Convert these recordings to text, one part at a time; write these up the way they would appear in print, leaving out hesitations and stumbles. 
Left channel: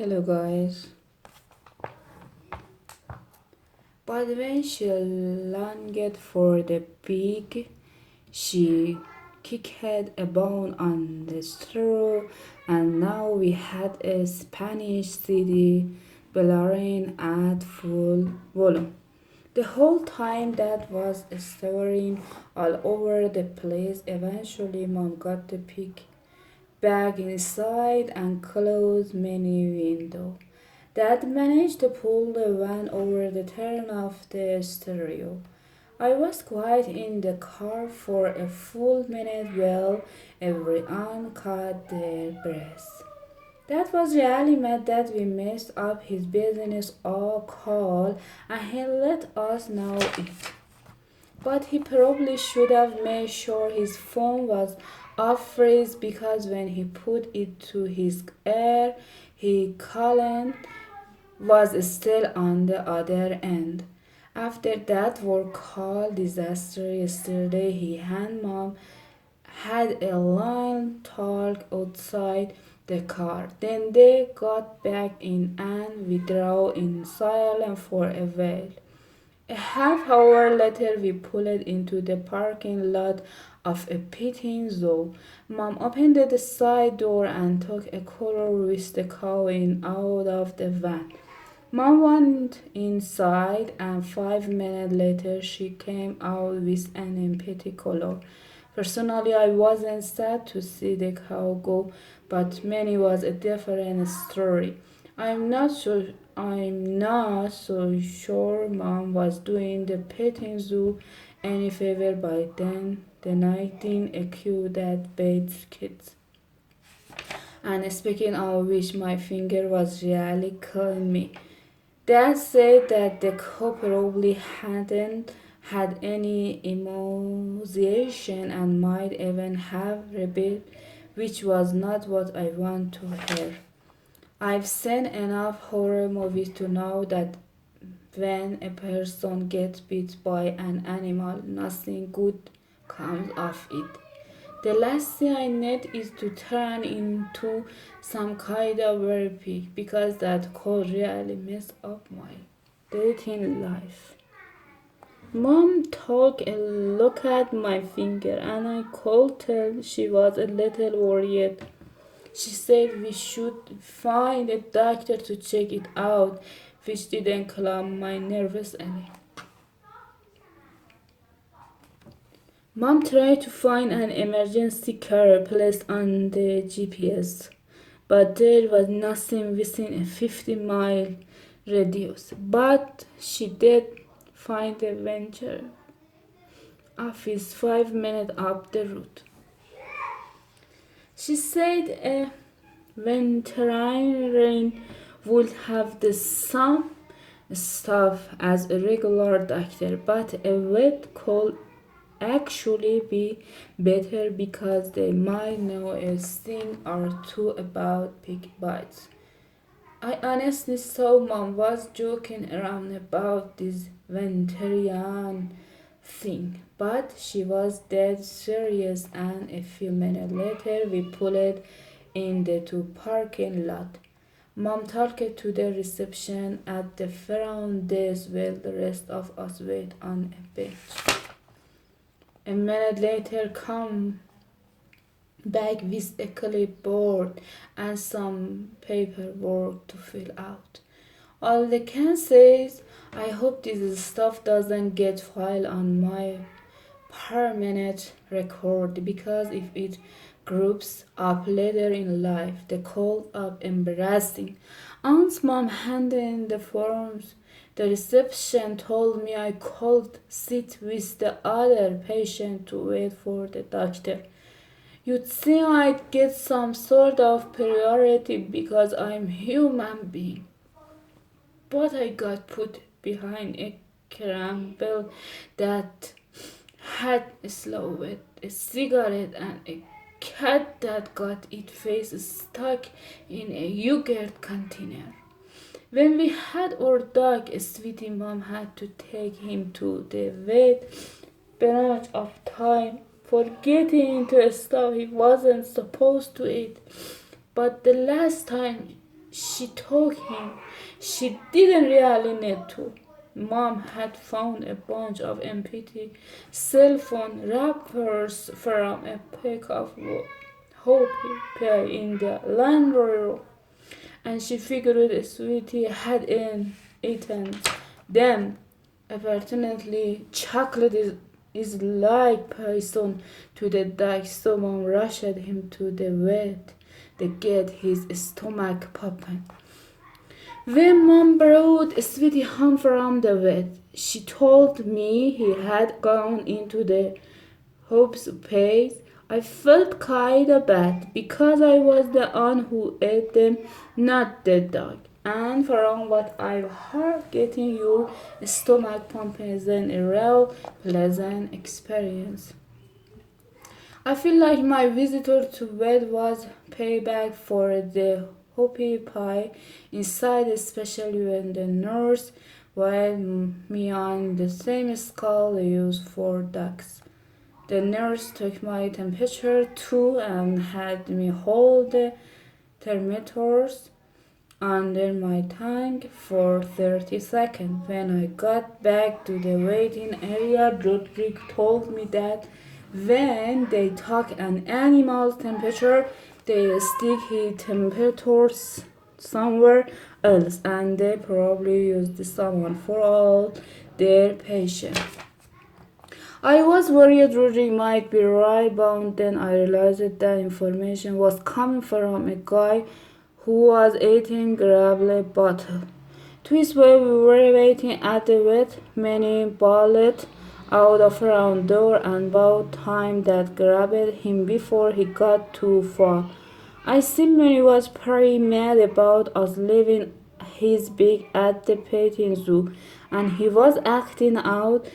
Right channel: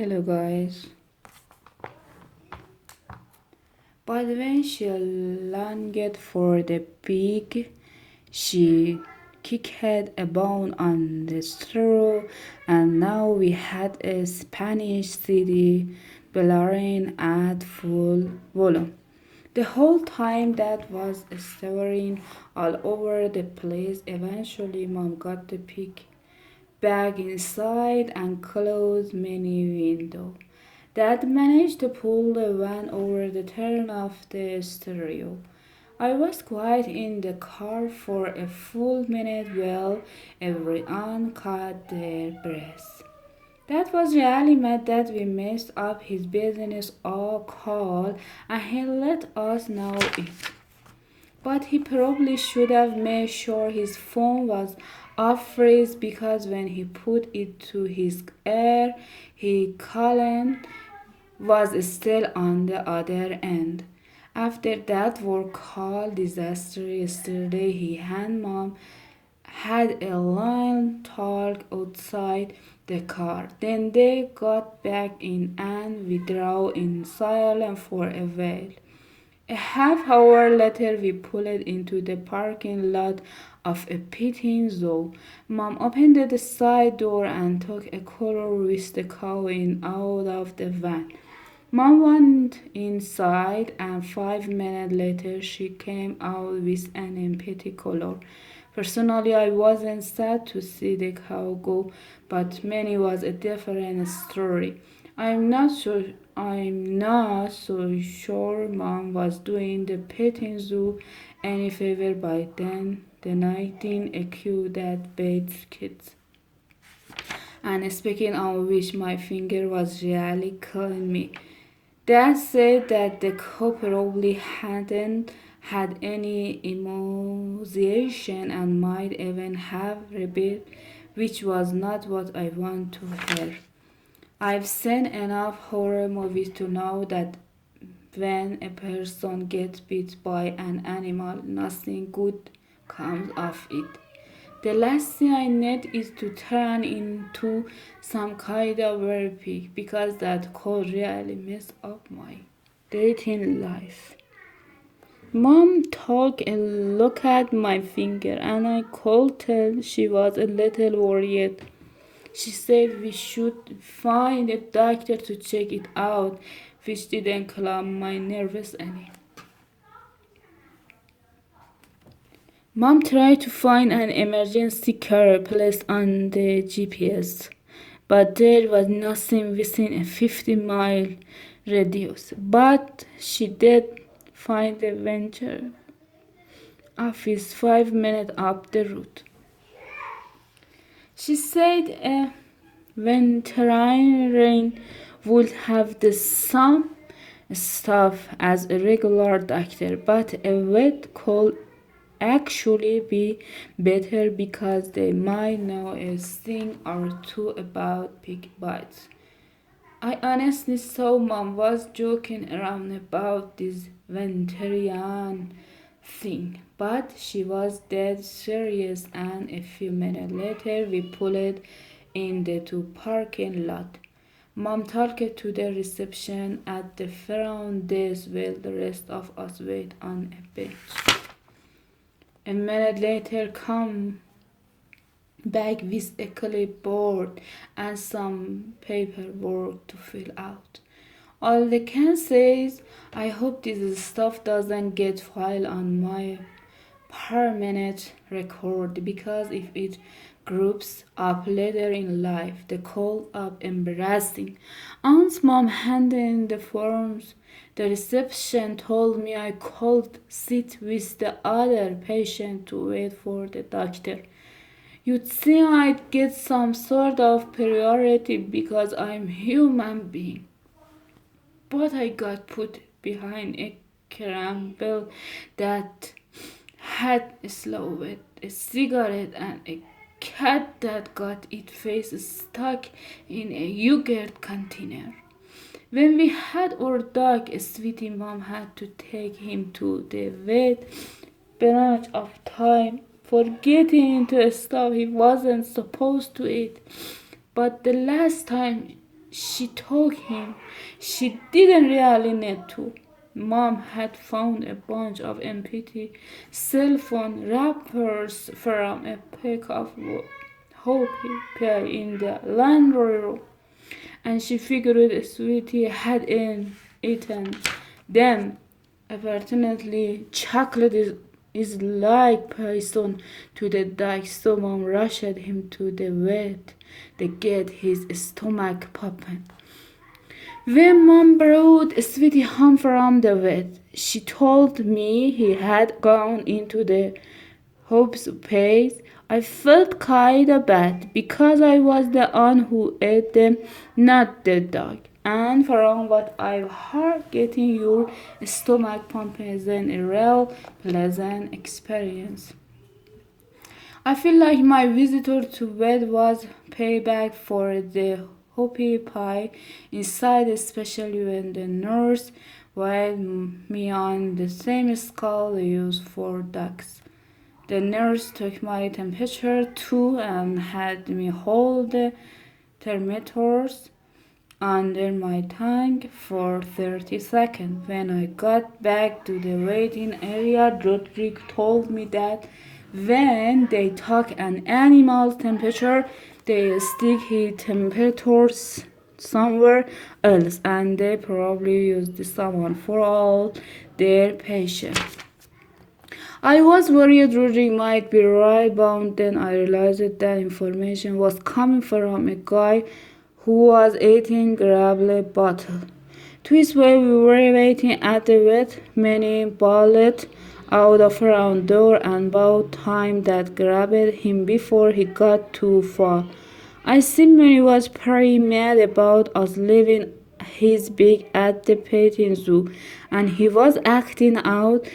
Hello guys. But when she longed for the pig, she kicked a bone on the straw, and now we had a Spanish CD blaring at full volume. The whole time that was stirring all over the place. Eventually, Mom got the pig back inside and closed many windows. Dad managed to pull the van over the turn of the stereo. I was quiet in the car for a full minute while everyone caught their breath. Dad was really mad that we messed up his business all call and he let us know it. But he probably should have made sure his phone was off freeze because when he put it to his ear, he couldn't was still on the other end. After that work call disaster yesterday, he and Mom had a long talk outside the car. Then they got back in and we drove in silence for a while. A half hour later, we pulled into the parking lot of a petting zoo. Mom opened the side door and took a cooler with the cow in out of the van. Mom went inside, and 5 minutes later, she came out with an empty color. Personally, I wasn't sad to see the cow go, but many was a different story. I'm not so sure Mom was doing the petting zoo any favor by then denying a cue that bathes kids. And speaking of which, my finger was really killing me. Dad said that the cow probably hadn't had any immunization and might even have rabies, which was not what I want to hear. I've seen enough horror movies to know that when a person gets bit by an animal, nothing good comes of it. The last thing I need is to turn into some kind of wimpy because that could really mess up my dating life. Mom took a look at my finger and I could tell she was a little worried. She said we should find a doctor to check it out, which didn't calm my nerves any. Mom tried to find an emergency car placed on the GPS, but there was nothing within a 50-mile radius. But she did find the venture office 5 minutes up the road. She said a veterinarian would have the same stuff as a regular doctor, but a vet could actually be better because they might know a thing or two about pig bites. I honestly thought Mom was joking around about this vegetarian thing, but she was dead serious, and a few minutes later we pulled in the two parking lot. Mom talked to the reception at the front desk while the rest of us wait on a bench. A minute later, come back with a clipboard and some paperwork to fill out. All they can say is, I hope this stuff doesn't get filed on my permanent record because if it groups up later in life, the call up embarrassing. Aunt's mom handed in the forms. The reception told me I could sit with the other patient to wait for the doctor. You'd think I'd get some sort of priority because I'm human being. But I got put behind a crumble that had a slow a cigarette and a cat that got its face stuck in a yogurt container. When we had our dog, Sweetie, Mom had to take him to the vet bunch of time for getting into stuff he wasn't supposed to eat. But the last time She told him she didn't really need to. Mom had found a bunch of empty cell phone wrappers from a pack of hoppy pie in the laundry room, and she figured Sweetie had eaten them. Apparently, chocolate is like poison to the dog, so Mom rushed him to the vet to get his stomach popping. When Mom brought Sweetie home from the vet, she told me he had gone into the hopes phase. I felt kinda bad because I was the one who ate them, not the dog. And from what I've heard, getting your stomach pumping is a real pleasant experience. I feel like my visitor to bed was payback for the hoppy pie inside, especially when the nurse weighed me on the same scale they use for dogs. The nurse took my temperature too and had me hold the thermometers under my tongue for 30 seconds. When I got back to the waiting area, Rodrigo told me that when they took an animal's temperature, they stick his temperatures somewhere else and they probably use this one for all their patients. I was worried Rodrigo might be right, but then I realized that information was coming from a guy who was eating gravel bottle. Twice while we were waiting at the vet, Manny bolted out of her own door and about time that grabbed him before he got too far. I think Manny was pretty mad about us leaving his bag at the petting zoo, and he was acting out.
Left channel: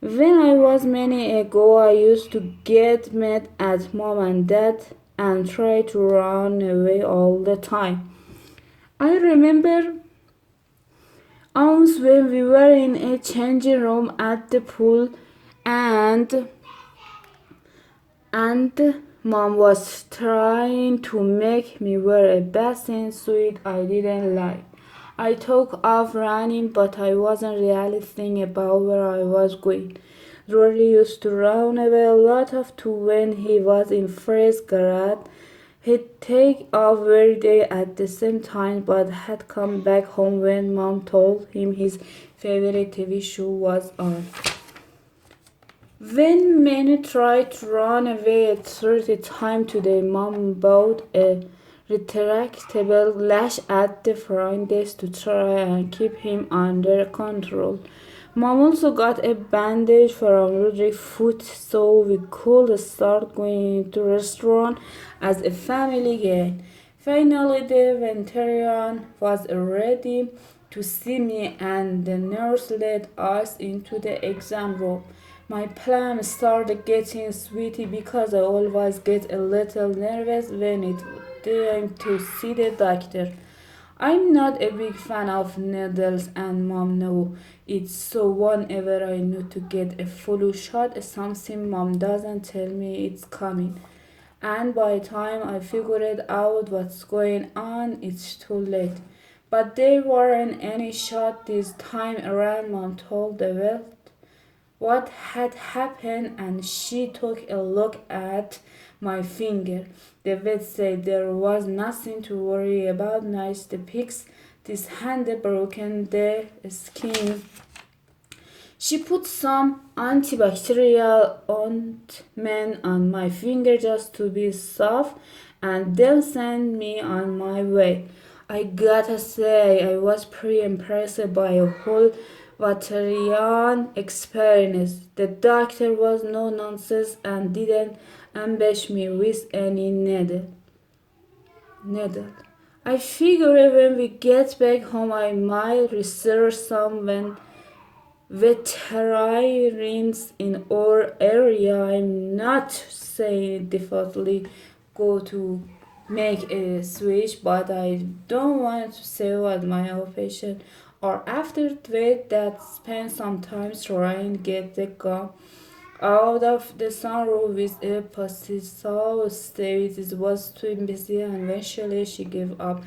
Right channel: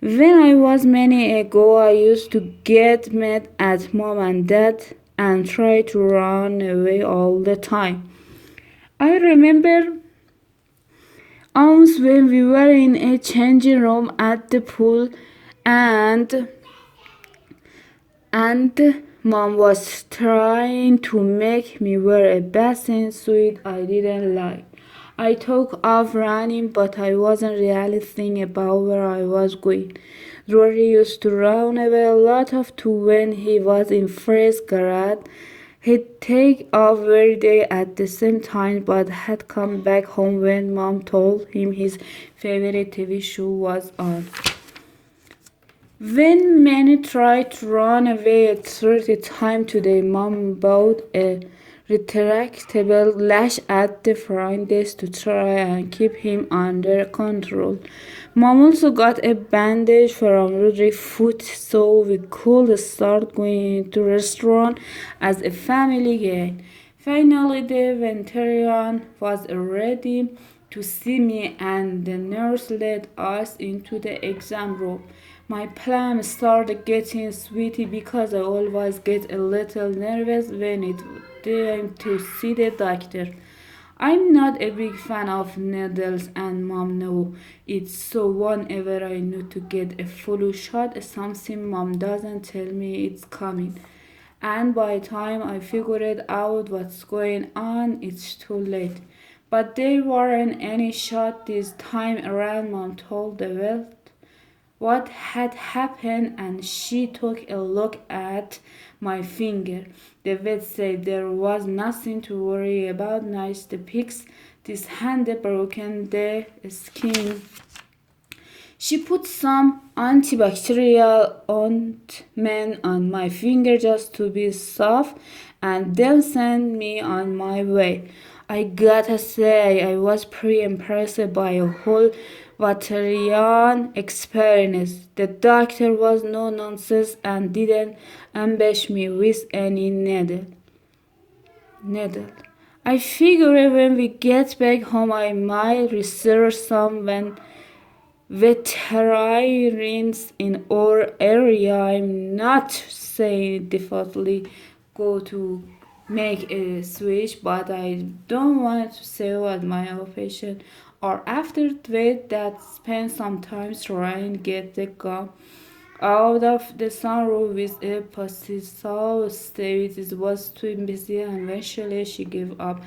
When I was many ago, I used to get mad at mom and dad and try to run away all the time. I remember once when we were in a changing room at the pool and mom was trying to make me wear a bathing suit I didn't like. I took off running, but I wasn't really thinking about where I was going. Rory used to run away a lot of too when he was in first grade. He'd take off every day at the same time, but had come back home when mom told him his favorite TV show was on. When many tried to run away a third time today, mom bought a retractable lash at the front desk to try and keep him under control. Mom also got a bandage from Rodri's foot so we could start going to restaurant as a family again. Finally, the veterinarian was ready to see me and the nurse led us into the exam room. My palm started getting sweaty because I always get a little nervous when it's time to see the doctor. I'm not a big fan of needles and mom knows it, so whenever I need to get a flu shot, something mom doesn't tell me it's coming. And by the time I figured out what's going on, it's too late. But there weren't any shot this time around, mom told the vet what had happened and she took a look at my finger. The vet said there was nothing to worry about. Nice the pics. This hand broken the skin. She put some antibacterial ointment on my finger just to be soft and then sent me on my way. I gotta say, I was pretty impressed by a whole veterinarian experience. The doctor was no nonsense and didn't ambush me with any needle. I figure when we get back home, I might research some veterinarians in our area. I'm not saying definitely go to make a switch, but I don't want to say what my patient or after that spend some time trying to get the gum out of the sunroof with a pesticide. It was too busy and eventually she gave up.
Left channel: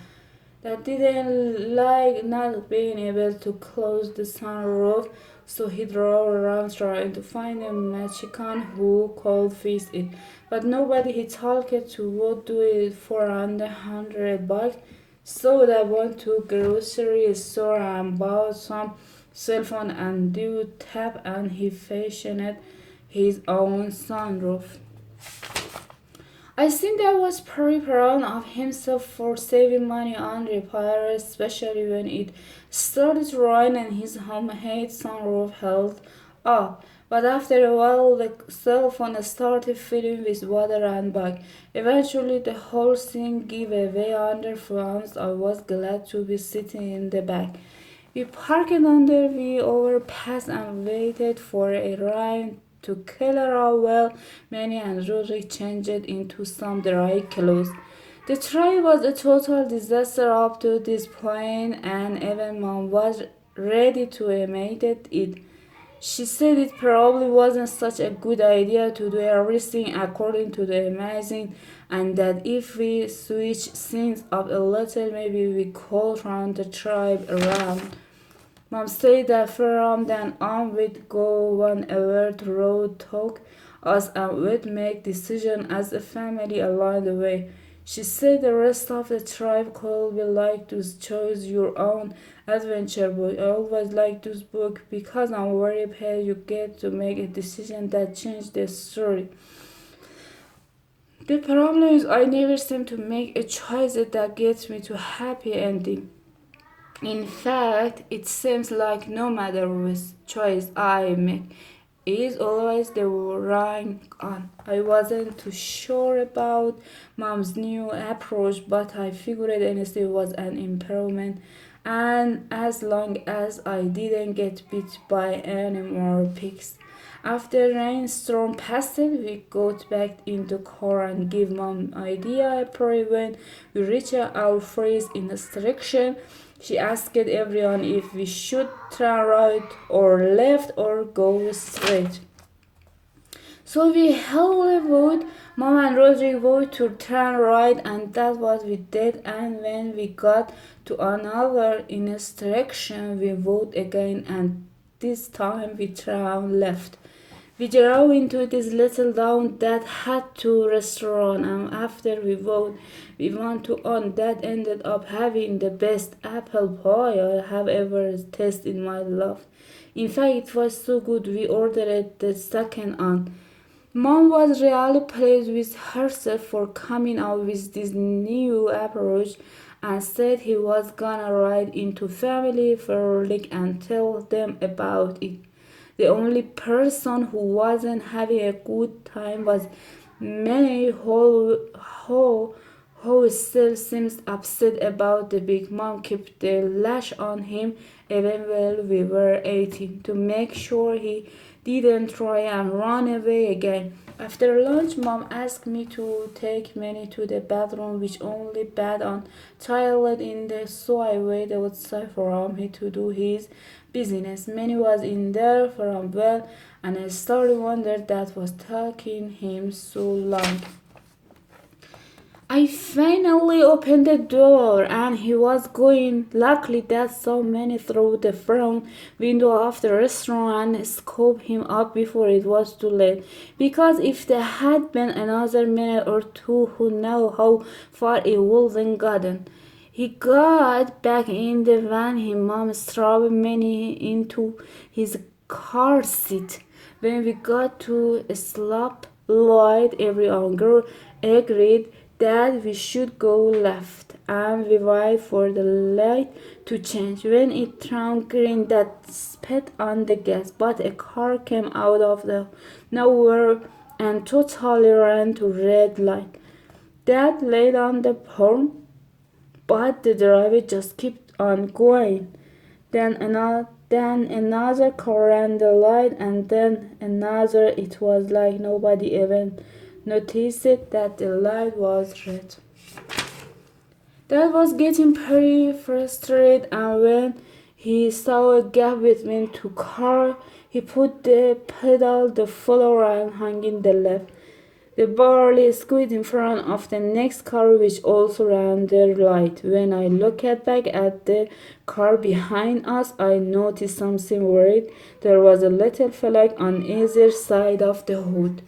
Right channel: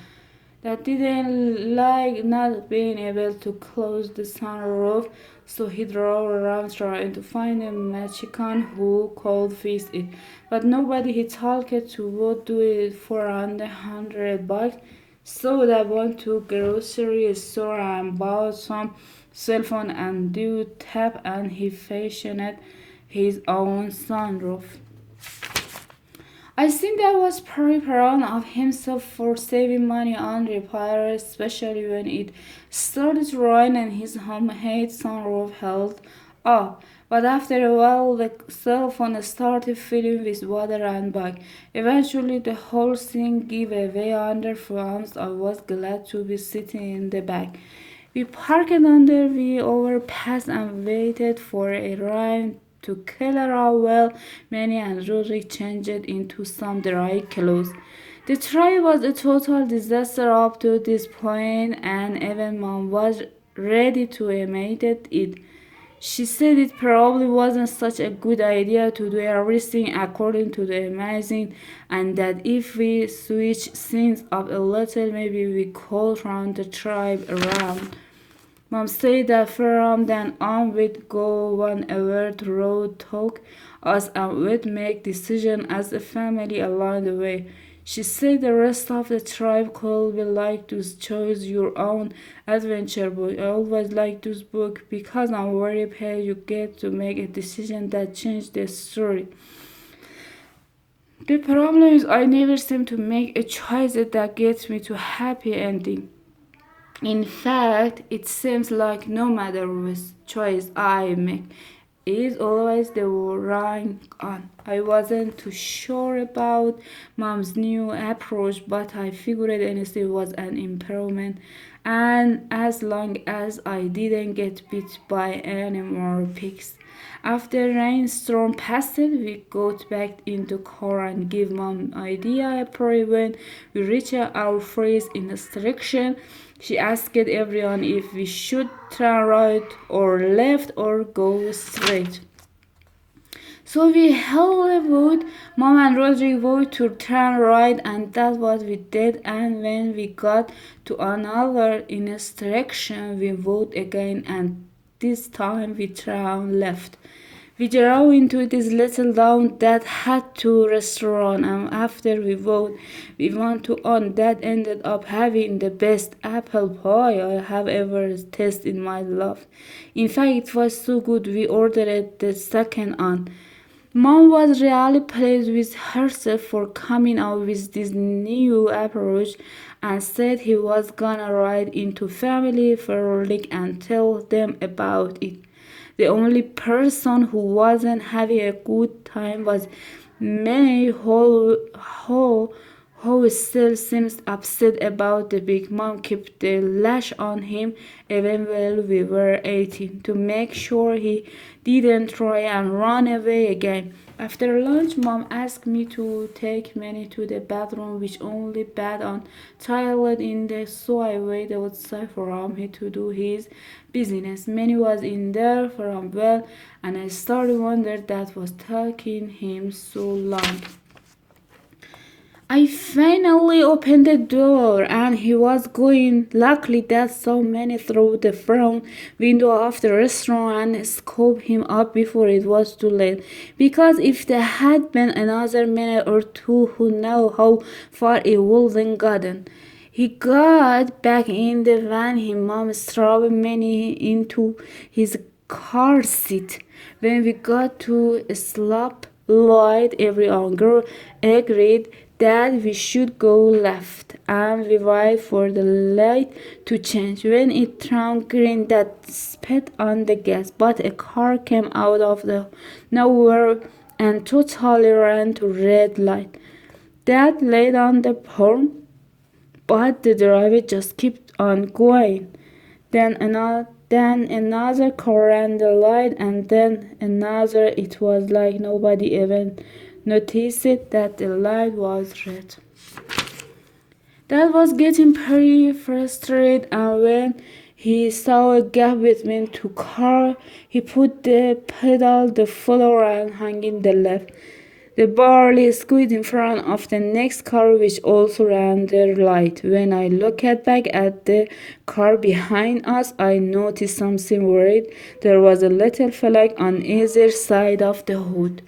that didn't like not being able to close the sunroof, so he drove around trying to find a Mexican who could fix it. But nobody he talked to would do it for under $100. So they went to grocery store and bought some cell phone and do tap and he fashioned his own sunroof. I think that was pretty proud of himself for saving money on repairs, especially when it started to rain and his homemade sunroof held up. But after a while, the cell phone started filling with water and bug. Eventually, the whole thing gave away under funds. I was glad to be sitting in the back. We parked under the overpass and waited for a rain to clear out well. Manny and Rory changed into some dry clothes. The trip was a total disaster up to this point, and even Mom was ready to admit it. She said it probably wasn't such a good idea to do everything according to the amazing, and that if we switch things up a little, maybe we could turn the tribe around. Mom said that from then on we'd go whenever the road took us and we'd make decisions as a family along the way. She said the rest of the tribe could be like to choose your own adventure book. I always like this book because I'm very happy you get to make a decision that changed the story. The problem is I never seem to make a choice that gets me to a happy ending. In fact, it seems like no matter which choice I make, is always the wrong one. I wasn't too sure about Mom's new approach, but I figured honestly it was an improvement. And as long as I didn't get bit by any more pigs. After rainstorm passed, we got back in the car and gave Mom idea April when we reached our freeze instruction. She asked everyone if we should turn right or left or go straight. So we held a vote. Mom and Rodrigo voted to turn right, and that's what we did. And when we got to another instruction, we voted again, and this time we turned left. We drove into this little town that had two restaurants, and after we voted, we went to one that ended up having the best apple pie I have ever tasted in my life. In fact, it was so good we ordered the second one. Mom was really pleased with herself for coming up with this new approach and said he was gonna ride into family frolic and tell them about it. The only person who wasn't having a good time was May, who still seems upset about the big mom kept the lash on him even while we were eating to make sure he didn't try and run away again. After lunch, Mom asked me to take Manny to the bathroom, which only bad on toilet in there, so I waited outside for me to do his business. Manny was in there for a while, and I started wondering that was taking him so long. I finally opened the door and he was going. Luckily, that saw Manny through the front window of the restaurant and scooped him up before it was too late. Because if there had been another minute or two, who knew how far it wouldn't gotten. He got back in the van. His mom strapped Manny into his car seat. When we got to a stop light, everyone agreed that we should go left, and we waited for the light to change. When it turned green, that spit on the gas, but a car came out of the nowhere and totally ran to red light. That laid on the horn, but the driver just kept on going. Then another car ran the light, and then another. It was like nobody even noticed that the light was red. That was getting pretty frustrated, and when he saw a gap between two cars, he put the pedal the floor and hung in the left. The barley squid in front of the next car, which also ran their light. When I looked back at the car behind us, I noticed something weird. There was a little flag on either side of the hood.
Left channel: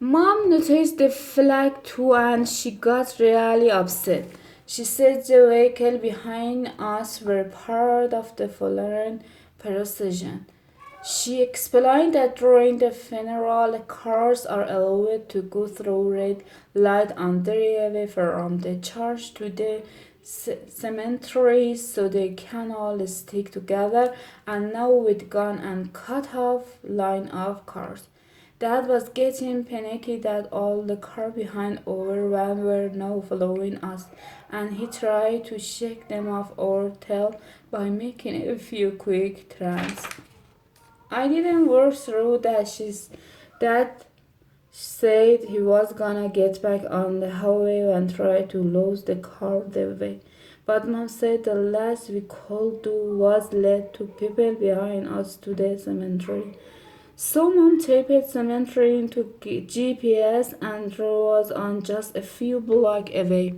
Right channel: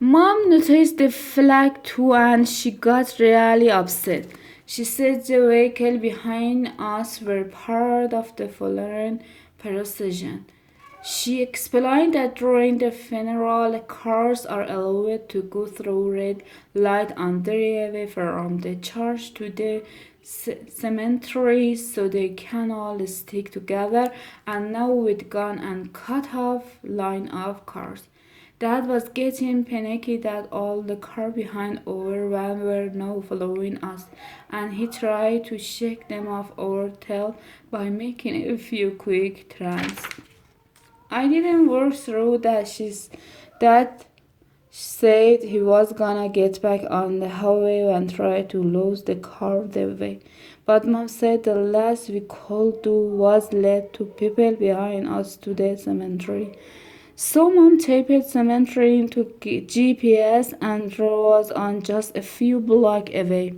Mom noticed the flag too and she got really upset. She said the vehicle behind us were part of the funeral procession. She explained that during the funeral, cars are allowed to go through red light on their way from the church to the cemetery so they can all stick together. And now with gone and cut off line of cars. Dad was getting panicky that all the car behind our van were now following us, and he tried to shake them off our tail by making a few quick turns. I didn't work through that. Dad said he was gonna get back on the highway and try to lose the car the way. But Mom said the last we could do was let two people behind us to the cemetery. So Mom taped cemetery into GPS and was on just a few blocks away.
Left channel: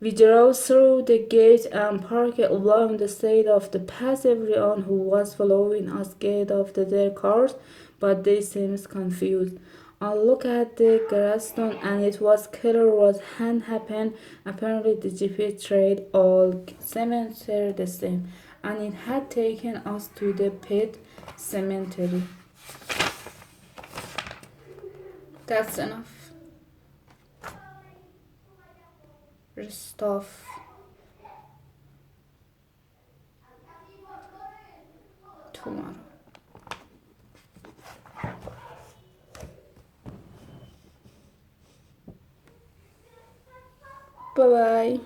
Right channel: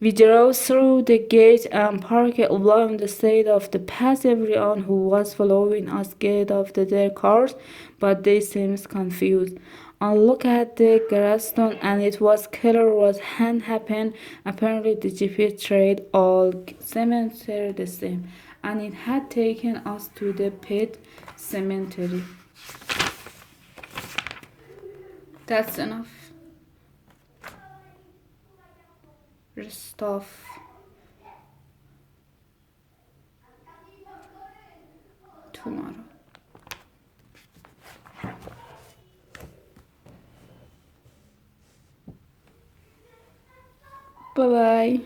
We drove through the gate and parked along the side of the path. Everyone who was following us get off their cars, but they seemed confused. I looked at the gravestone and it was clear what had happened. Apparently the GPS trade all cemetery the same, and it had taken us to the pet cemetery. That's enough. Rest off tomorrow. Bye bye.